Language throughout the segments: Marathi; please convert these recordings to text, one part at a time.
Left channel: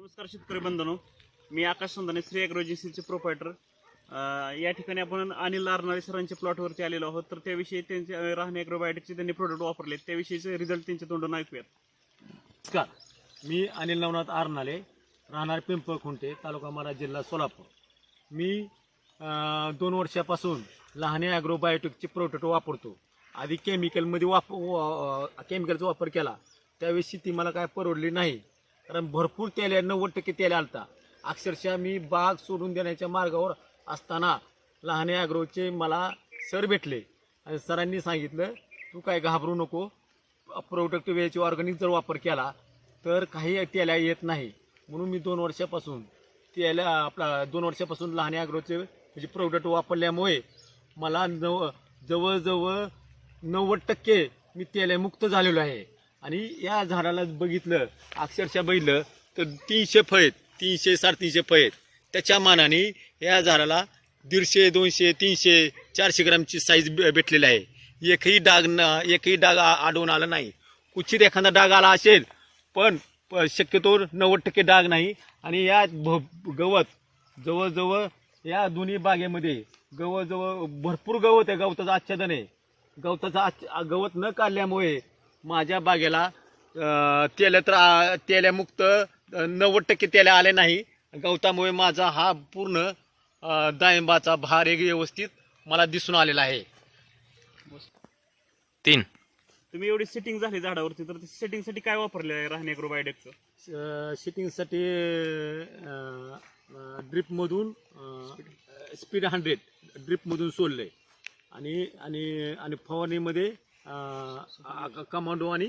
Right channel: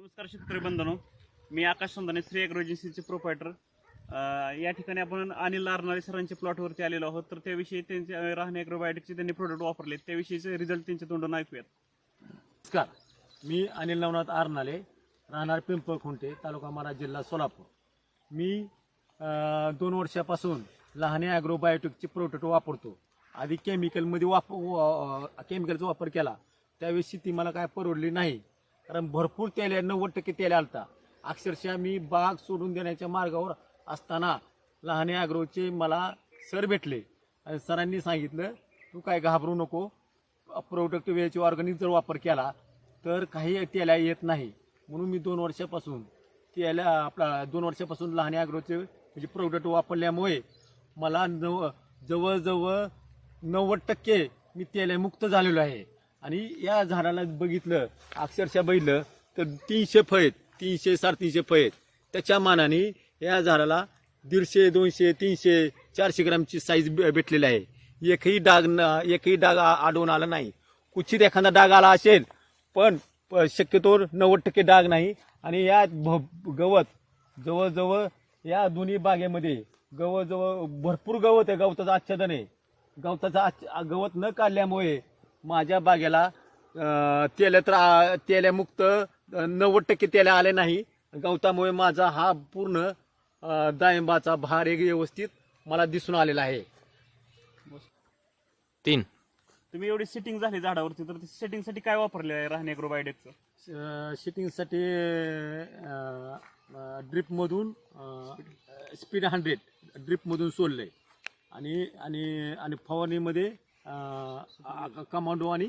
नमस्कार शेतकरी बंधनो. मी आकाश संधाने श्री अॅग्रो एजन्सीचे प्रोपायटर या ठिकाणी आपण अनिल नारनाळे सरांच्या प्लॉटवरती आलेलो आहोत. तर त्याविषयी त्यांचे राहणे अॅग्रोबायोटिकचे त्यांनी प्रोडक्ट वापरले. त्याविषयीचे रिझल्ट त्यांच्या तोंडून ऐकूयात. नमस्कार. मी अनिल नवनाथ आरनाले राहणार पिंपळ खुंटे तालुका मारा जिल्हा सोलापूर. मी अं, दोन वर्षापासून लहाने ॲग्रोबायोटिकचे प्रोडक्ट वापरतो. आधी केमिकलमध्ये वाप केमिकलचा वापर केला. त्यावेळी शेती मला काय परवडली नाही. कारण भरपूर तेल नव्वद टक्के तेल आलता. अक्षरशः मी बाग सोडून देण्याच्या मार्गावर असताना लहाने ॲग्रोचे मला सर भेटले. आणि सरांनी सांगितलं तू काय घाबरू नको. प्रोडक्ट वेळेचे ऑर्गॅनिक जर वापर केला तर काही तेल्या येत नाही. म्हणून मी दोन वर्षापासून तेल्या आपला दोन वर्षापासून लहान ॲग्रोचे म्हणजे प्रोडक्ट वापरल्यामुळे मला नव जवळजवळ नव्वद टक्के मी तेलमुक्त झालेलो आहे. आणि या झाडाला बघितलं अक्षरशः बघितलं तर तीनशे फळ आहेत तीनशे साडेतीनशे फळ आहेत त्याच्या मानाने या झाडाला दीडशे दोनशे तीनशे चारशे ग्रामची साईज भेटलेली आहे. एकही डाग न एकही डाग आढळून आला नाही. कुचित एखादा डाग आला असेल पण प- शक्यतो नव्वद टक्के डाग नाही. आणि या भ- गवत जवळजवळ या दोन्ही बागेमध्ये जवळजवळ भरपूर गवत आहे गवताचं आच्छादन आहे. गवताचं आच गवत न काढल्यामुळे माझ्या बागेला तेल्या तर तेल्यामुक्त नव्वद टक्के तेल्या आले नाही. गवतामुळे माझा हा पूर्ण डाळिंबाचा भार एक व्यवस्थित मला दिसून आलेला आहे. तीन. तुम्ही एवढी सेटिंग झाली झाडावरती तर सेटिंगसाठी काय वापरले आहे राहणे अॅग्रोबायोटिकचं शिटिंगसाठी ड्रिपमधून स्पीड हंड्रेड ड्रिपमधून सोडले आणि आणि आणि फवारणीमध्ये कमांडो आणि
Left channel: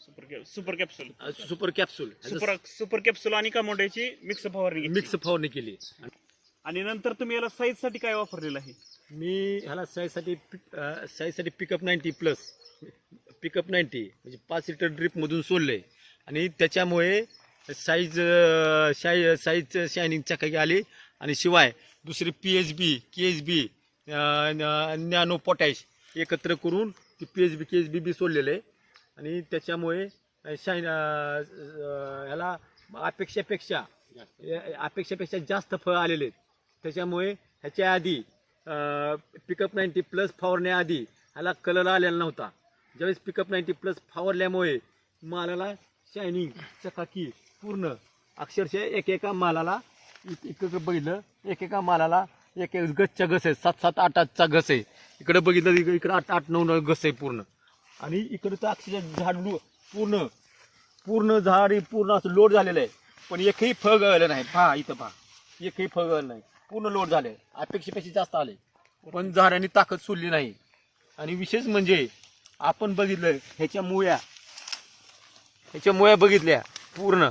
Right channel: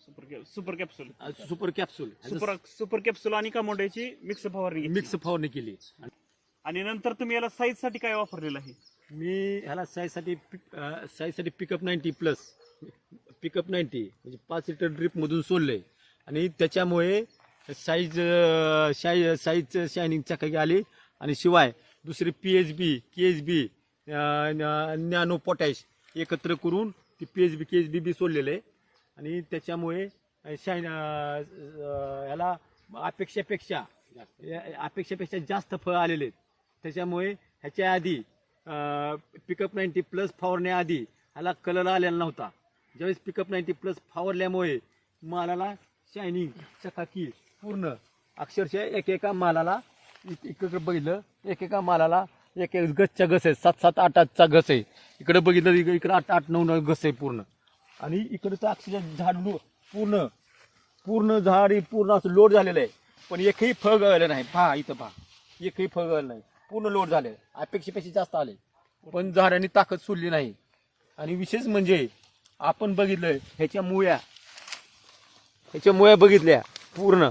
super capsule super capsule super super capsule आणि कमोड्याची मिक्स फवारणी. मिक्स फवारणी केली. आणि नंतर तुम्ही याला साईजसाठी काय वापरलेलं आहे? मी ह्याला साईजसाठी साईजसाठी pickup ninety plus pickup ninety म्हणजे पाच लिटर ड्रिपमधून सोडले आणि त्याच्यामुळे साईज शाई साईज शायनिंग चकाकी आली. आणि शिवाय दुसरी P H B K H B nano potash एकत्र करून ती P H B K H B B सोडलेलं आहे. आणि त्याच्यामुळे शाईन ह्याला अपेक्षापेक्षा अपेक्षापेक्षा जास्त फळ आलेले आहेत. त्याच्यामुळे ह्याच्या आधी पिकअप नाईन्टी प्लस फावरण्याआधी ह्याला कलर आलेला नव्हता. ज्यावेळेस पिकअप नाईन्टी प्लस फावरल्यामुळे मालाला शायनिंग चकाकी पूर्ण अक्षरशः एक एका मालाला इकडं बघितलं एक एका मालाला एक एक गच्चा घस आहे. सात सात आठ आठचा गस आहे. इकडे बघितलं इकडे आठ आठ नऊ नऊ गस आहे पूर्ण. आणि इकडं तर अक्षरशः झाड पूर्ण पूर्ण झाड पूर्ण असं लोड झालेलं आहे. पण एकही फळ गळलं नाही. पहा इथं पहा. एकही फळ गळलं नाही. पूर्ण लोड झाले अपेक्षेपेक्षा जास्त आले पण झाडांनी ताकद सोडली नाही. आणि विशेष म्हणजे आपण बघितलं ह्याच्या मुळ्या. ह्याच्या मुळ्या बघितल्या. पूर्ण.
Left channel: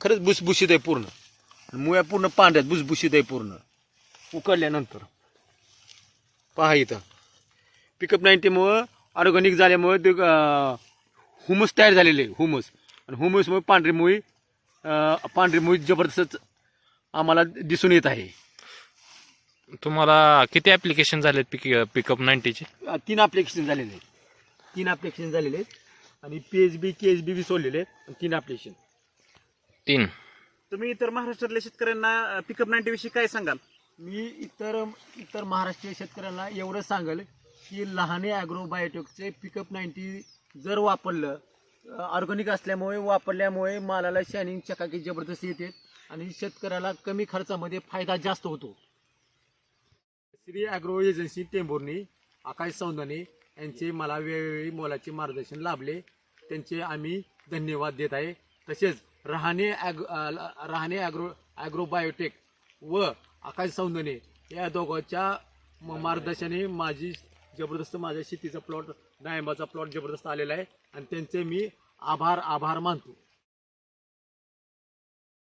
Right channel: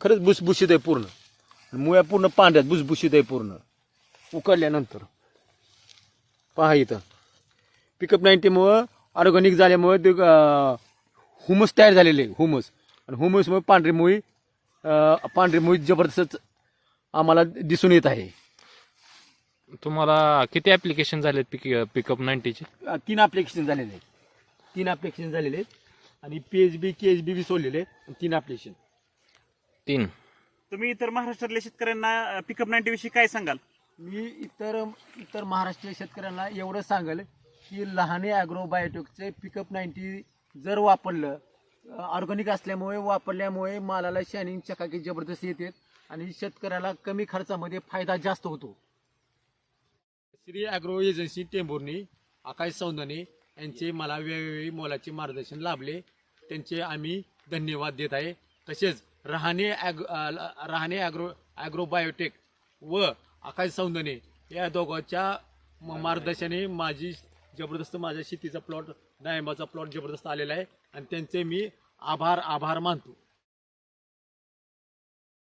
खरंच भुसभुशीत आहे पूर्ण. मुळ्या पूर्ण पांढऱ्यात भुसभुशीत आहे पूर्ण. उकडल्यानंतर. पहा इथं. पिकअप नाईन्टीमुळं ऑर्गॅनिक झाल्यामुळं ते हुमस तयार झालेले आहे हुमस आणि हुमसमुळे पांढरी मुळी पांढरी मुळी जबरदस्त आम्हाला दिसून येत आहे. तुम्हाला किती ऍप्लिकेशन झालेत पिक पिकअप नाईन्टीचे तीन ॲप्लिकेशन झालेले आहेत. तीन ॲप्लिकेशन झालेले आहेत. आणि P H B K H B B सोडलेले आहेत. तीन ॲप्लिकेशन तीन. तुम्ही इतर महाराष्ट्रातल्या शेतकऱ्यांना पिकअप नाईन्टी विषयी काय सांगाल? मी इतर इतर महाराष्ट्रीय शेतकऱ्यांना एवढं सांगेल की लहाने ॲग्रोबायोटिकचे पिकअप नाईन्टी जर वापरलं ऑर्गॅनिक असल्यामुळे वापरल्यामुळे मालाला शॅनिंग चकाकी जबरदस्त येते आणि शेतकऱ्याला कमी खर्चामध्ये फायदा जास्त होतो. श्री ॲग्रो एजन्सी टेंभुर्णी आकाश सौंदने यांचे मला वेळोवेळी मोलाचे मार्गदर्शन लाभले. त्यांचे आम्ही धन्यवाद देत आहे. तसेच रहाणे ॲग राहणे रहाणे ॲग्रो ॲग्रोबायोटेक व आकाश सौंदने या दोघांच्या म- मार्गदर्शनाने माझी जबरदस्त माझ्या शेतीचा प्लॉट डाळिंबाचा प्लॉट जबरदस्त आलेला आहे. आणि त्यांचे मी आभार आभार मानतो.